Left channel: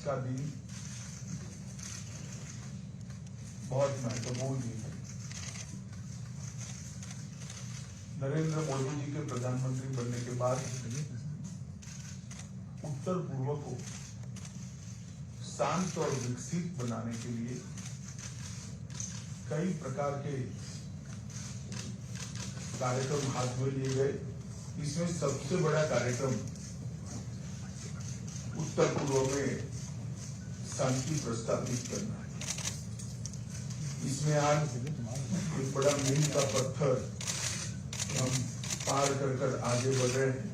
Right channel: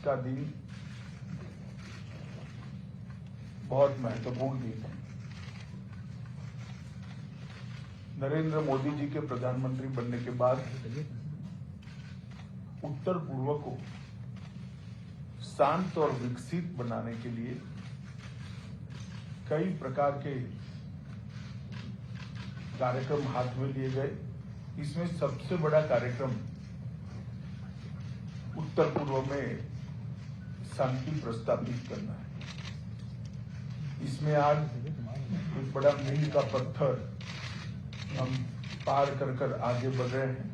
का दिन बहुत महत्वपूर्ण दिन है। नरेंद्र मोदी जी के प्रधानमंत्री बनने के बाद उत्तर पूर्व को शांत और विकसित बनाने के लिए कई प्रकार के कार्यक्रम हाथ में लिए गए। इसमें सबसे बड़ा कार्यक्रम उत्तर पूर्व में शांति प्रस्तावित करना है। इसमें आज एक बड़ा मील का पत्थर हम पार कर आगे बढ़ रहे हैं।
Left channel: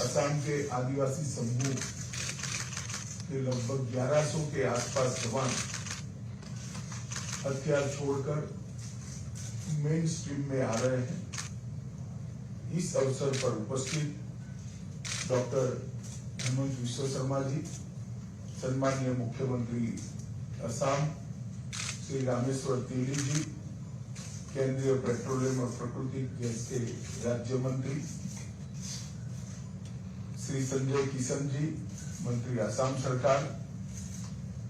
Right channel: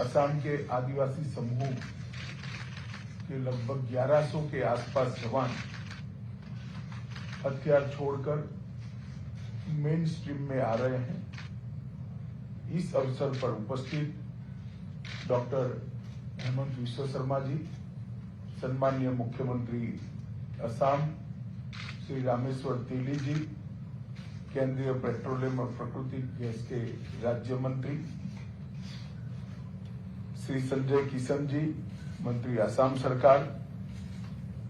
असम के आदिवासी समूह के लगभग 1100 के आसपास जवान हथियार छोड़कर मेन स्ट्रीम में आ रहे हैं। इस अवसर पर उपस्थित डॉक्टर हेमंत बिस्वा शर्मा जी, सम्मानीय मुख्यमंत्री असम श्री रामेश्वर तेली जी, केंद्रीय पेट्रोलियम और प्राकृतिक गैस के राज्य मंत्री श्री संजय किशन जी, मंत्री असम सरकार,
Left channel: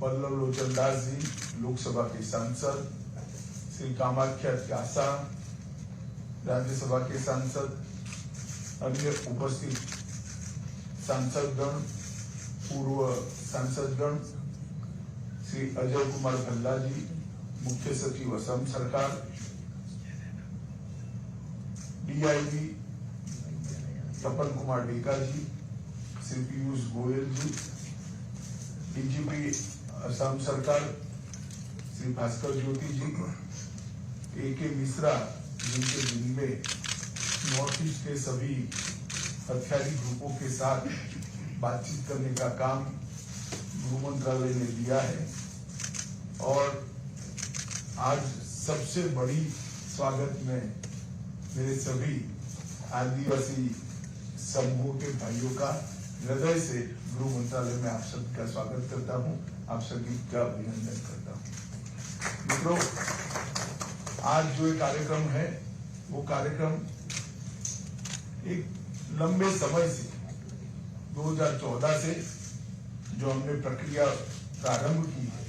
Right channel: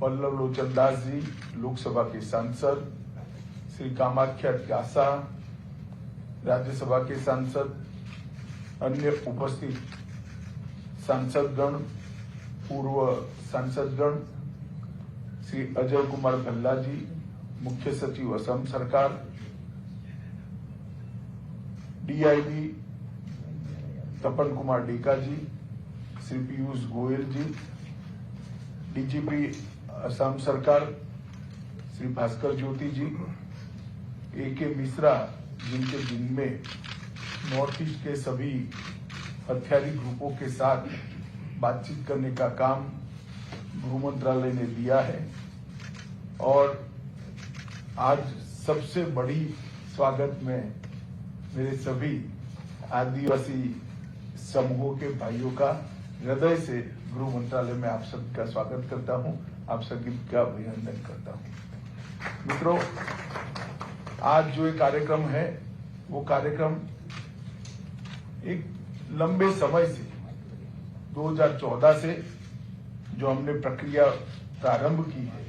पल्लव लोचन दास जी, लोकसभा के सांसद श्री कामाख्या कासा, राज्यसभा के सांसद, अन्य उपस्थित सांसदगण, पूर्व सांसदगण श्री अजय कुमार भल्ला जी, मुख्य सचिव असम सरकार, डीआईजी कपल कुमार डीका जी, श्री पीयूष गोयल जी, डीजीपी असम सरकार श्री भास्कर ज्योति जी, AK मिश्रा जिनके दिन में नॉर्थ ईस्ट के सभी हथियारी ग्रुपों के साथ बातचीत करने का काम गृह मंत्रालय ने दिया है। और आज सबसे बड़ी स्वागत में मेरे सभी आदिवासी समूहों के भाइयों का हृदय से गृह मंत्रालय में आप सबका स्वागत करता हूं, आप सभी का अभिनंदन करता हूं। मित्रों, आज जो ये कार्यक्रम है वो कार्यक्रम एक लंबे समय से 2014 से जो हमने प्रक्रिया प्रारंभ की है,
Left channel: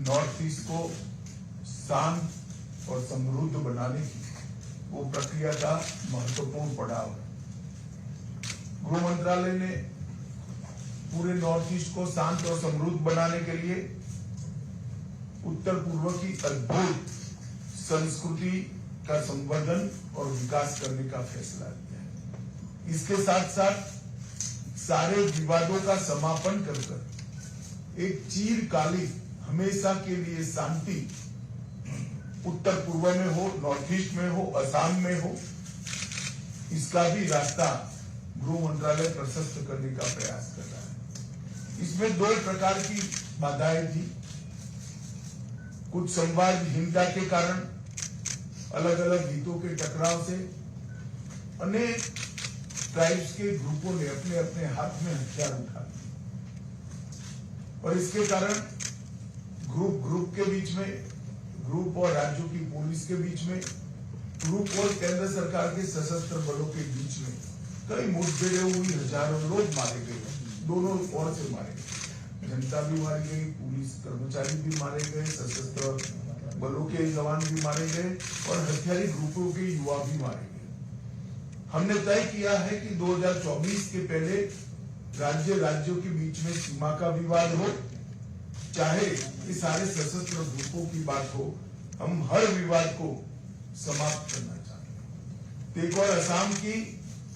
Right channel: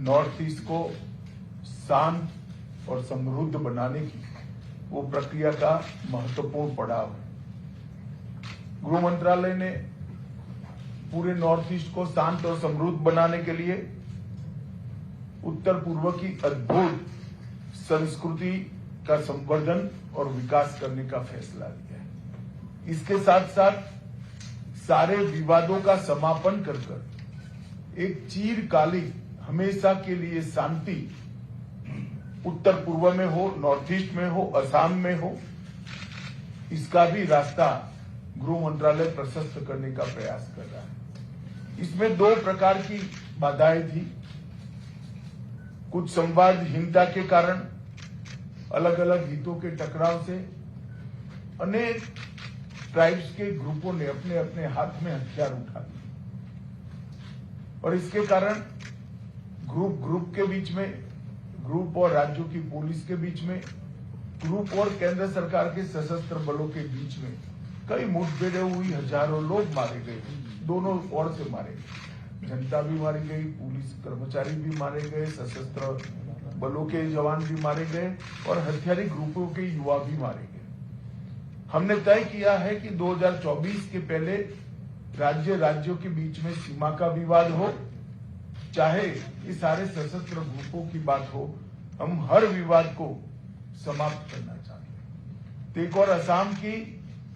नॉर्थ ईस्ट को शांत और समृद्ध बनाने की, वो प्रक्रिया का महत्वपूर्ण पड़ाव है। गृह मंत्रालय ने पूरे नॉर्थ ईस्ट को शांत और समृद्ध बनाने के लिए उत्तर पूर्व की अद्भुत संस्कृति का संवर्धन और विकास करने का फैसला लिया है। इसके साथ साथ सारे विवादों का समापन कर एक चिरकालिक हमेशा के लिए शांति उत्तर पूर्व में हो, नॉर्थ ईस्ट में हो, असम में हो, इसका भी रास्ता गृह मंत्रालय प्रशस्त करने का प्रयास कर रहा है। इसमें 2 प्रकार की बाधाएं थी। कुछ संवादहीनता के कारण, अलग अलग हितों के टकराव से अनेक ट्राइब्स के ग्रुपों ने अपने अपने हाथ में हथियार उठा लिए और इसके कारण ग्रुप के बीच में, ग्रुप और राज्यों की पुलिस के बीच में, ग्रुप और केंद्र सरकार के सशस्त्र बलों के बीच में कई मुठभेड़ें हुई, हजारों लोग मारे गए, दोनों ओर से मारे गए, जनता भी मारी गई, पुलिस कर्मचारी भी मारे गए, सशस्त्र बलों के जवान भी मारे गए और हथियारी ग्रुपों के युवा भी मारे गए। हमने तय किया है कि 2024 के पहले राज्यों के बीच में सीमा का विवाद हो, चाहे इस सारे सशस्त्र ग्रुपों की बात हो, हम हर विवाद को समाप्त करना चाहते हैं। एक और असम की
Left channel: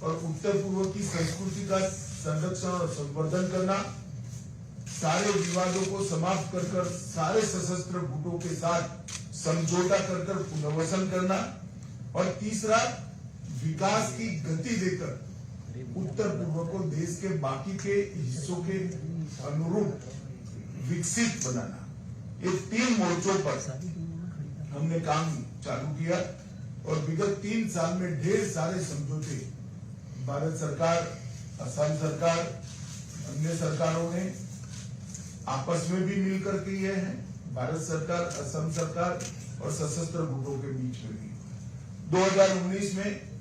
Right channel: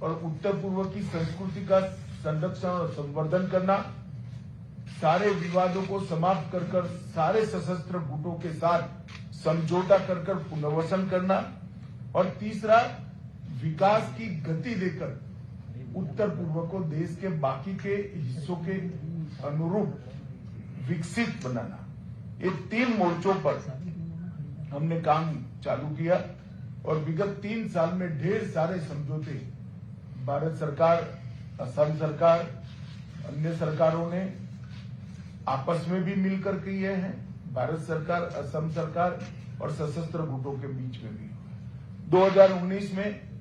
और उत्तर पूर्व की संस्कृति का संरक्षण और संवर्धन करना, सारे विवादों को समाप्त कर सारे सशस्त्र गुटों के साथ समझौता कर पुनर्वसन करना, और तीसरा विकास की गति देकर उत्तर पूर्व को देश के बाकी के हिस्सों के अनुरूप विकसित बनाना। ये 3 मोर्चों पर हमने काम चालू किया और विगत 3 साल में ढेर सारे समझौते भारत सरकार, असम सरकार, अन्य सरकारों ने आपस में भी मिलकर किए हैं। भारत सरकार, असम सरकार और सशस्त्र गुटों के बीच में भी 2019 में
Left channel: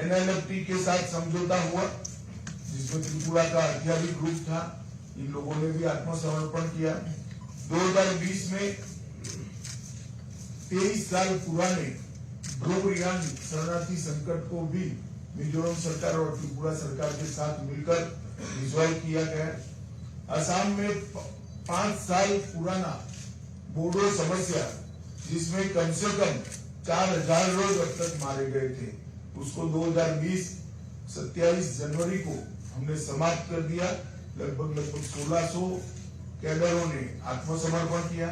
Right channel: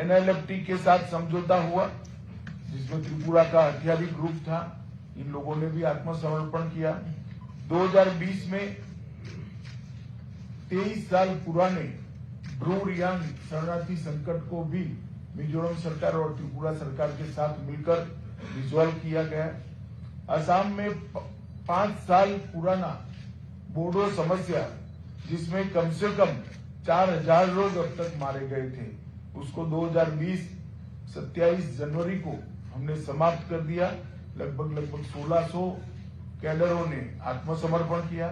NLFT के साथ समझौता हुआ, जिसमें त्रिपुरा का हथियारी ग्रुप था, इन लोगों ने भी आत्मसमर्पण किया। 2020 में 23 साल पुराने ब्रू रियांग शरणार्थी संकट को भी मिजोरम सरकार और त्रिपुरा सरकार के साथ मिलकर रिजॉल्व किया गया। असम में 5 साल पुराना बोडो समस्या, जिसमें कम से कम 4000 लोग अब तक मारे गए थे, उसको 2020 27 जनवरी को हमने समाप्त कर दिया। लगभग 1600 कैडरों ने आत्मसमर्पण किया।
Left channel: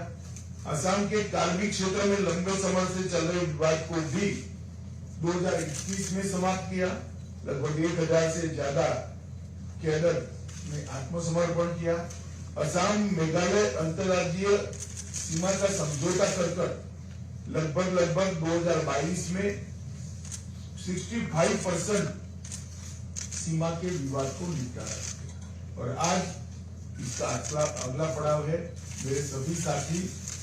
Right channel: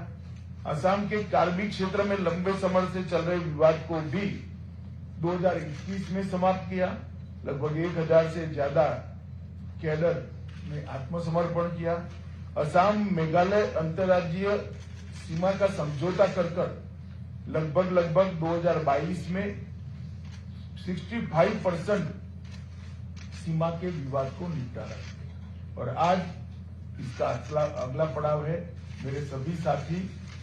असम के कार्मिक क्षेत्र में लंबे समय से चल रहे विवाद को भी 2021 में समाप्त किया। लगभग 1000 से ज्यादा कैडर ने आत्मसमर्पण किया। असम मेघालय अंतर्राज्यीय सीमा का समझौता कर लगभग 2022 में 65% सीमा के विवाद को निपटाया। और आज इसका अगला पड़ाव है। मेरे सभी साथी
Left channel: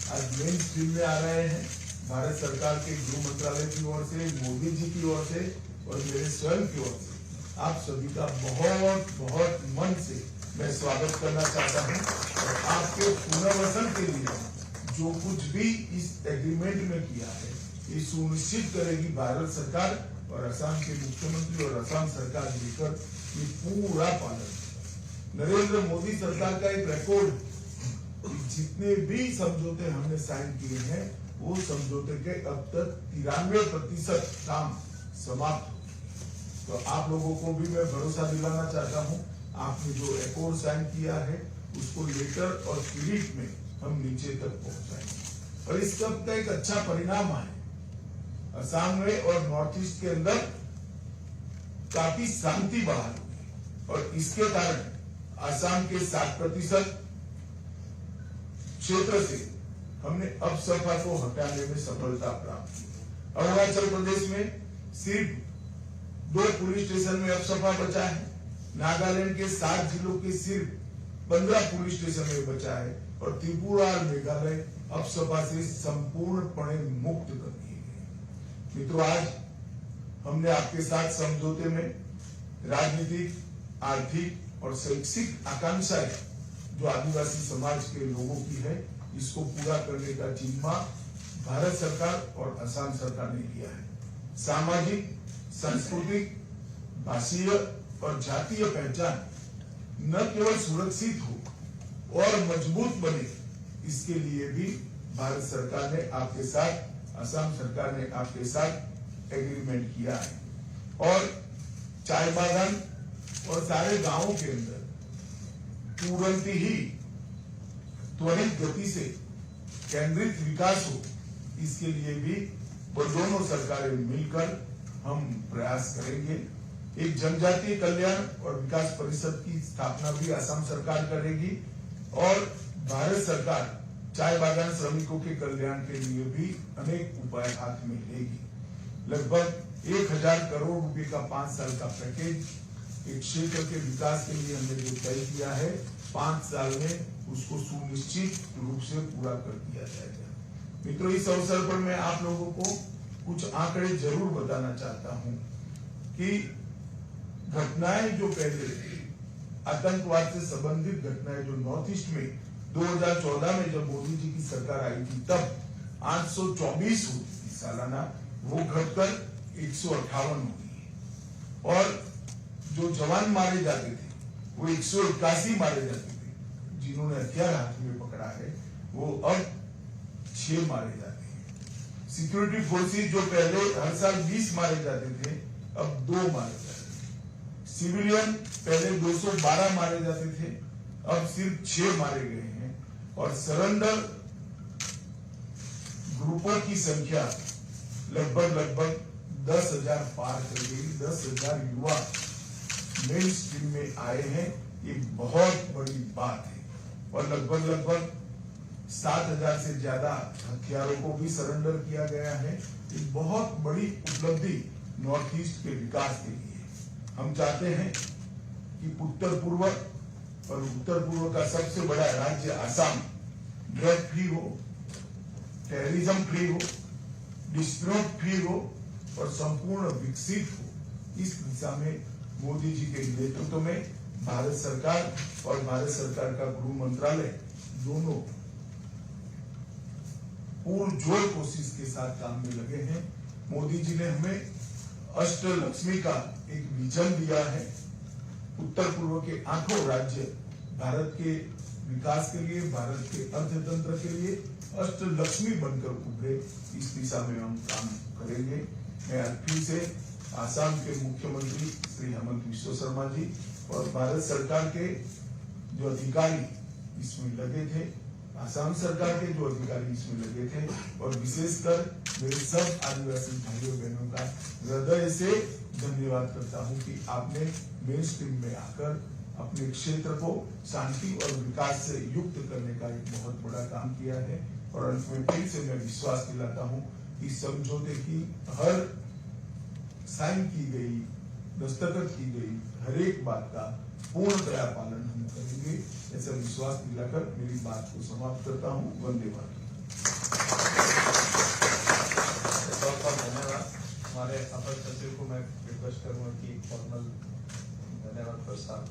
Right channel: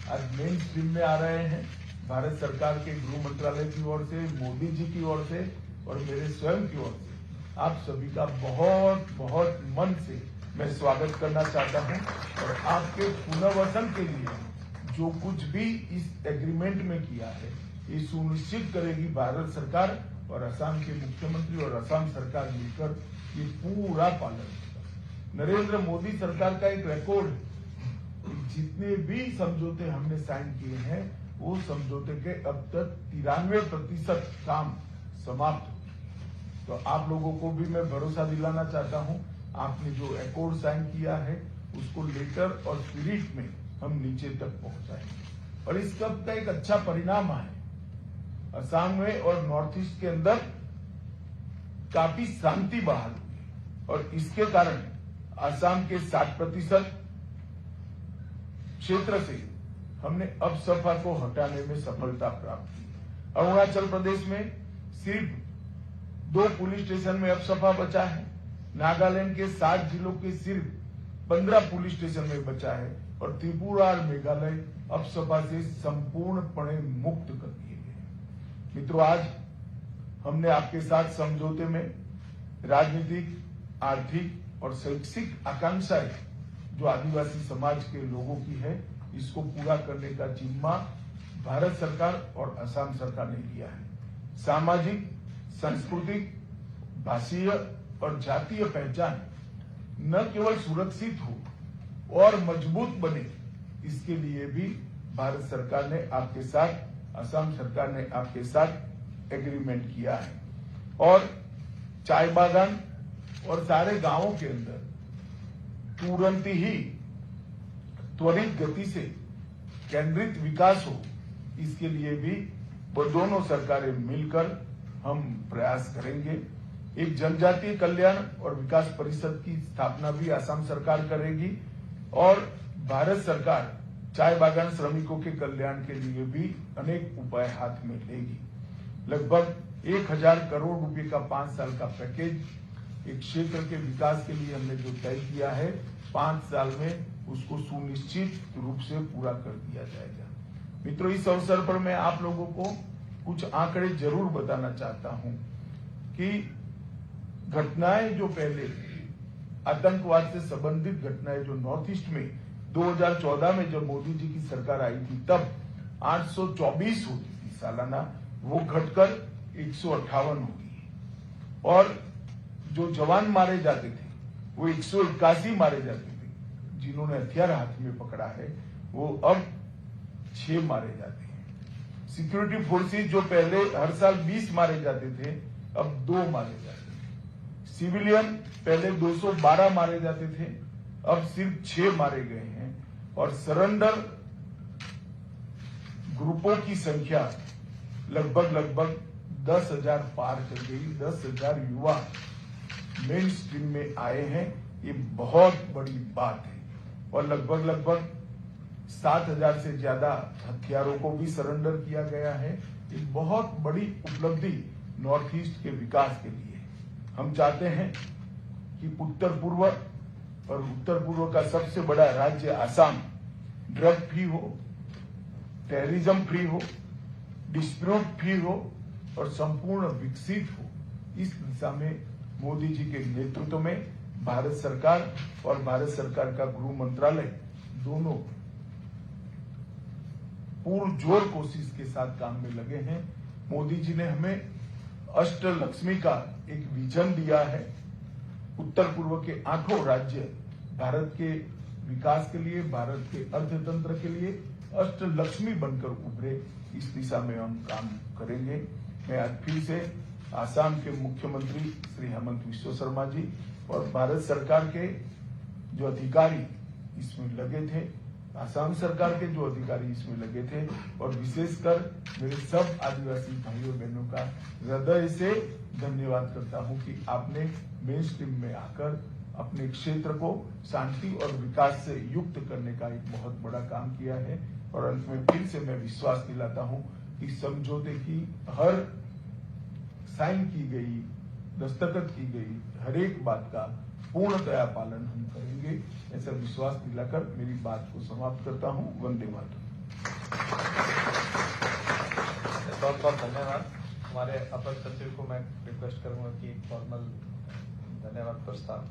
आज मेन स्ट्रीम में आ रहे हैं। भारत सरकार के गृह मंत्रालय की ओर से, मोदी जी की ओर से और मेरे स्वयं की ओर से आप सभी का बहुत बहुत मन से मैं स्वागत करना चाहता हूं। और आपके पुनर्वसन के लिए जो कुछ भी इस एग्रीमेंट में किया है, ये सुनिश्चित करेगी भारत सरकार और असम के मुख्यमंत्री और असम सरकार मिलकर ये पूरा पालन। नरेंद्र मोदी सरकार का एक रिकॉर्ड, जितने भी समझौते हमने साइन किए हैं वो समझौते के अब तक 93% काम समाप्त। तो आप लोगों को भी मैं भरोसा दिलाना चाहता हूं, आपने जो अकॉर्ड साइन किया है उसको लेटर और स्पिरिट में हम नीचे तक पहुंचाएंगे। और इसका एक अच्छा परिणाम है। असम में और नॉर्थ ईस्ट के अंदर काफी शांति बहाल हुई और इसके कारण असम के 60% क्षेत्र से हमने अफसफा को हटाने में सफलता प्राप्त की। अरुणाचल प्रदेश में सिर्फ 2 पुलिस स्टेशन में अफसफा बचा है। नागालैंड के 7 जिलों के सिर्फ 15 पुलिस स्टेशन में बचा है। और त्रिपुरा और मेघालय अफसफा से संपूर्णपणे मुक्त कर दिए गए। मित्रों, आज हमने आपके साथ समझौते में राजनीतिक, आर्थिक और शैक्षिक आकांक्षाएं जो आदिवासी समाज के लोगों की है, इसको पूरा करने का जिम्मा भारत सरकार और असम सरकार ने लिया है। सामाजिक, सांस्कृतिक, भाषीय और जातीय पहचान न केवल सुरक्षित हो और मजबूत बने, इसके लिए भी भारत सरकार ने आपके साथ, असम सरकार ने आपके साथ एग्रीमेंट किया है। और चाय बागान और सारे गांवों के अंदर तुरंत ही त्वरित गति से केंद्रित विकास हो, इसके लिए भी वो दोनों सरकारें मिलकर हम प्रयास करेंगे। एक जनजातीय कल्याण और विकास परिषद की स्थापना भी असम सरकार करेगी और भारत सरकार चाय बागान श्रमिकों के कल्याण के लिए भी अनेक उपाय हाथ में लेगी। लगभग 1000 करोड़ रुपए का 5 साल का पैकेज एक क्षेत्र के विकास के लिए हमने जो तय किया है, 5 साल में उसको सुनिश्चित रूप से पूरा कर दिया जाएगा। मित्रों, इस अवसर पर मैं आप लोगों को कुछ आंकड़े जरूर बताना चाहता हूं कि घटनाएं जो पहले आतंकवाद से संबंधित घटनाएं जो नॉर्थ ईस्ट में 2014 में जब मोदी जी की सरकार आई थी, तब 824 होती थी सालाना, वो घटकर 158 होती है। और जो जवान मारे जाते थे वो 181 मारे जाते थे। जिन्होंने हथियार हाथ में पकड़ा है वो अब 6 मारे जाते हैं। सिक्योरिटी फोर्सेज जो पहले हर साल 20 मारे जाते थे, अब 2 मारे जाते हैं। सिविलियन पहले 212 मारे जाते थे, अब सिर्फ 6 मारे गए हैं। और सरेंडर ग्रुपों की संख्या लगभग 10,000 पार कर गई। 10,000 युवा मेन स्ट्रीम में आए हैं, ये बहुत बड़ी बात है। और लगभग 7,000 से ज्यादा हथियारों को भी सरेंडर किया गया है। ये बहुत बड़ी उपलब्धि नॉर्थ ईस्ट के विकास के लिए। हम चाहते हैं कि उत्तर पूर्व का सबसे बड़ा राज्य असम ड्रग फ्री हो, टेररिज्म फ्री हो, डिस्प्यूट फ्री हो और संपूर्ण विकसित हो। इस दिशा में मोदी जी के नेतृत्व में भारत सरकार और भारत सरकार का गृह मंत्रालय दोनों पुरजोर कोशिश के साथ काम में लगे हैं। मोदी जी ने हमें अष्टलक्ष्मी का एक विजन दिया है। उत्तर पूर्व के 8 राज्य भारत के विकास के लिए, भारत के अर्थतंत्र के लिए अष्टलक्ष्मी बनकर उभरे। इस दिशा में हम काम करेंगे। मैं आज फिर से आसाम के मुख्यमंत्री श्री हेमंत बिस्वा शर्मा जी और भारत सरकार के जो अधिकारी इसमें लगे थे, आसाम सरकार के जो अधिकारी इसमें लगे थे, और विशेषकर मेरे सब आदिवासी भाइयों बहनों का हृदय से धन्यवाद करता हूं कि आपने मेन स्ट्रीम में आकर अपने क्षेत्र को शांति और विकास से युक्त करने का एक बहुत बड़ा काम किया है। और अंत में फिर से मैं विश्वास दिलाता हूं कि समझौते की हर साइन की गई, दस्तखत की गई हर एक बात का पूर्णतया पालन हम करेंगे। ऐसा विश्वास दिलाकर मेरी बात को समाप्त करता हूं। वंदे मातरम। बहुत बहुत धन्यवाद। हमारे अपर सचिव को मैं रिक्वेस्ट करूंगा कि फॉर्मल धन्यवाद प्रस्ताव